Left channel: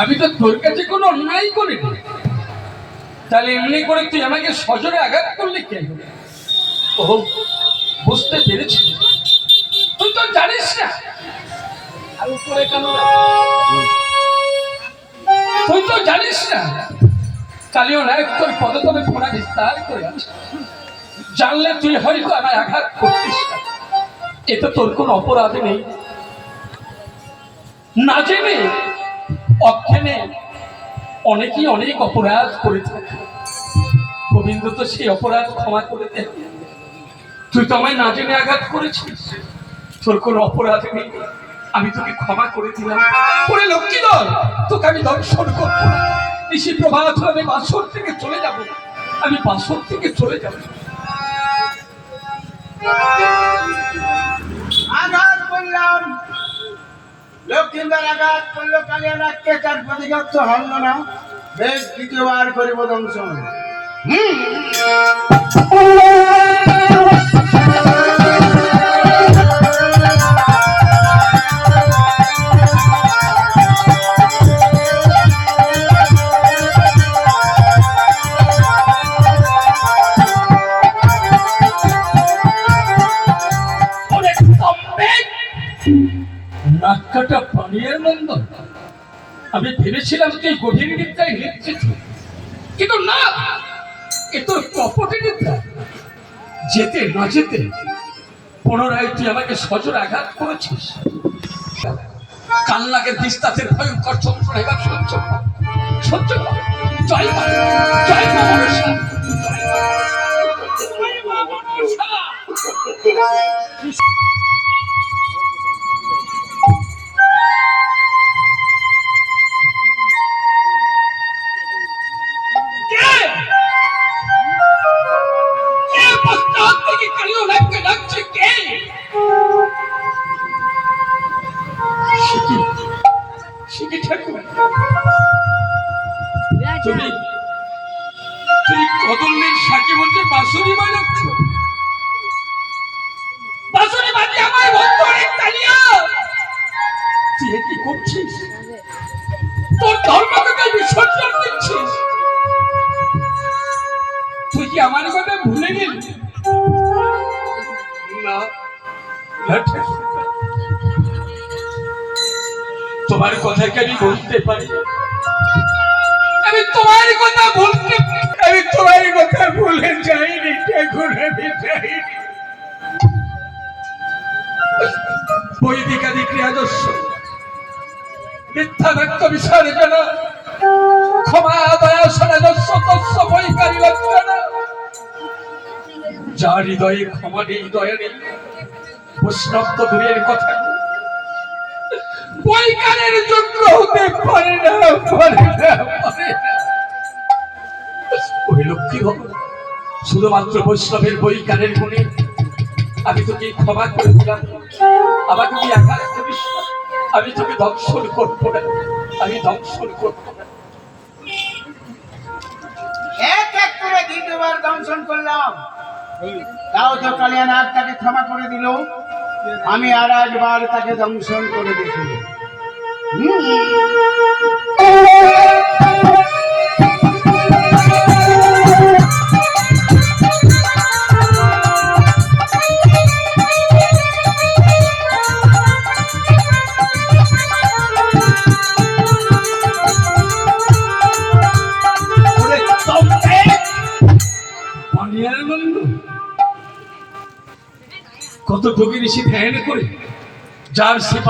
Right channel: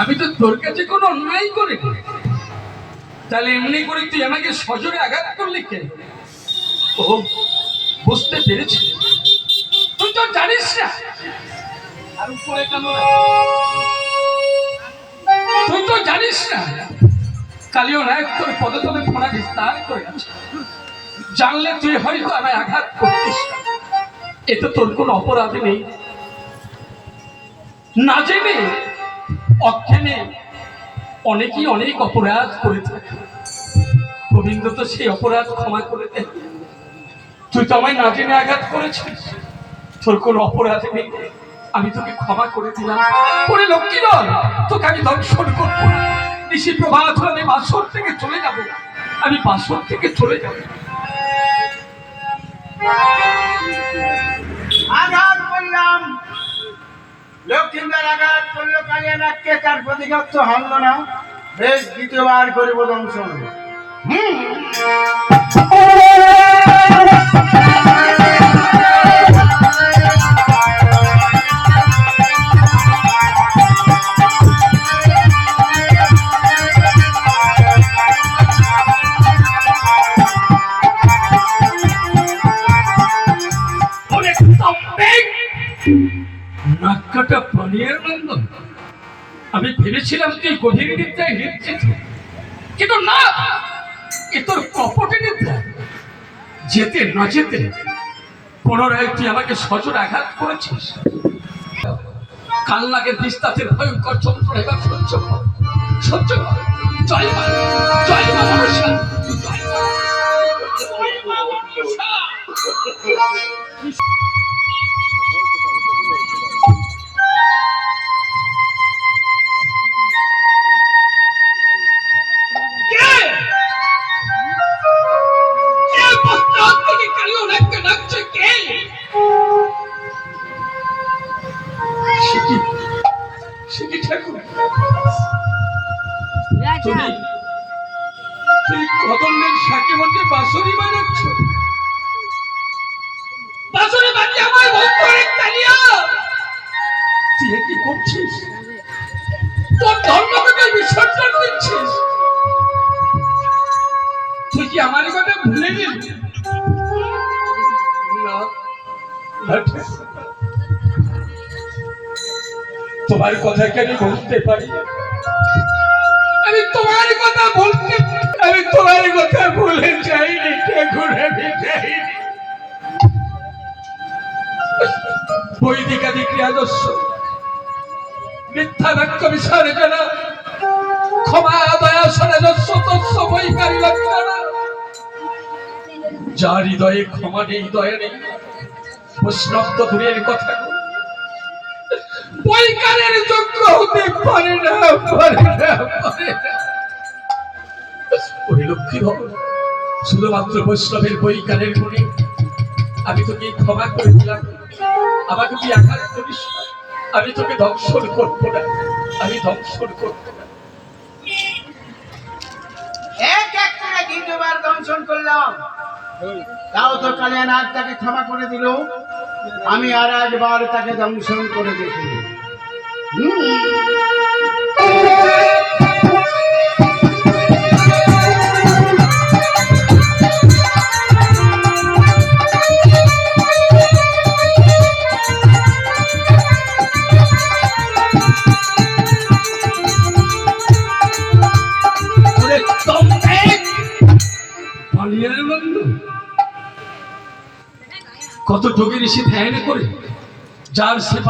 আমি তো তোর কাছে কোনো অন্যায় করিনি, তাহলে এমনি করে তুই আমাকে সজোরে আঘাত করলি কেন? ও বুঝতে পেরেছি, তুই তো জানিস না। আর উপরে কেন তুই তো জানিস না কালিও নায়ক তোর পদতলে ফোনা বিস্তার করে আছে। জানলে তুই হয়তো আমায় আঘাত করতিস না। এতে তোর কোনো অপরাধ নেই। না জেনে অজ্ঞানে অনেকেই অনেক অপরাধ করে থাকে। গোবিন্দ তো সেই অপরাধ ক্ষমা করে দেন। তুই তো আমায় না জেনে আঘাত করেছিস, তোর কোনো অপরাধ নেই, আমি তোকে ক্ষমা করে দিলাম। ওরে লক্ষ্মী দল, তোকে আমি দর্শন করবো না। নিশি প্রভাত হলে আমি বাসর থেকে চলে যাব, আমি বাসর থেকে চলে যাব। আঘাত করলাম, লক্ষ্মীদার আঘাত করলো, কালিয়ানাথকে তার প্রতিঘাত তো হারল না। বেশ, দ্বিতীয়বার করিব দংশন। নাক্কাটা পানির নন্দন, আমি ভেবেছিলাম তুই গভীর নিদ্রায় নিশ্চিত, কিন্তু না, এ তো কপটে নিদ্রা। যেতে না যেতে পুনরায় তুই আমাকে সজোর আঘাত করেছিস। কালনাগের বিস্তারের ভয়ঙ্কর যন্ত্রণা এবার সহ্য কর, সহ্য কর। জয় মা, জয় মা মনসা, জয় মা মনসা। তুই কদমের সাথে বলতে বাঁশরি বাজাচ্ছ? বাঁশরি বাজিয়ে আমায় বলতো রে কালিয়া, তুই কি করছিস? তোর ধর্মকে বিসর্জন দিচ্ছিস? তুই কি আমার কথা ভুলে গেলি? না, তোমার কথা কি আমি বলতে পারি? আমি তোমার কথা বলতে, আমি তোমার কথা ভুলে যাইনি, ঘুরে যাইনি। বৈদিকাদি ক্রিয়াদর্শ মিথ্যা বাক্য বিষয়ে জানা, ক্ষমা দয়া সনাদর্শ তস্য বৈকারী লক্ষণ। যার হৃদয়ে ক্ষমা নেই, দয়া নেই, বৈষ্ণব তো দূরের কথা, বৈকারের যোগ্য হতে পারে না, পারে না, পারে না। ওই লক্ষ্মী ভবন শুধুমাত্র বৈষ্ণবের বৈকারের গুণে আমি তোকে ক্ষমা করে দিলাম। আমাকে তুই আঘাত করিস না, আমি তোকে দংশন করবো না, আমি দংশন করবো না। এক এক করে দ্বিতীয়বার দংশন করলাম, তাও তো কালিয়ানাথ তাকে ক্ষমা করে দিল। আমি আর একবার তাকে দংশন করে দেখি। কত যোগী ঋষি ধ্যান করে যার সেবা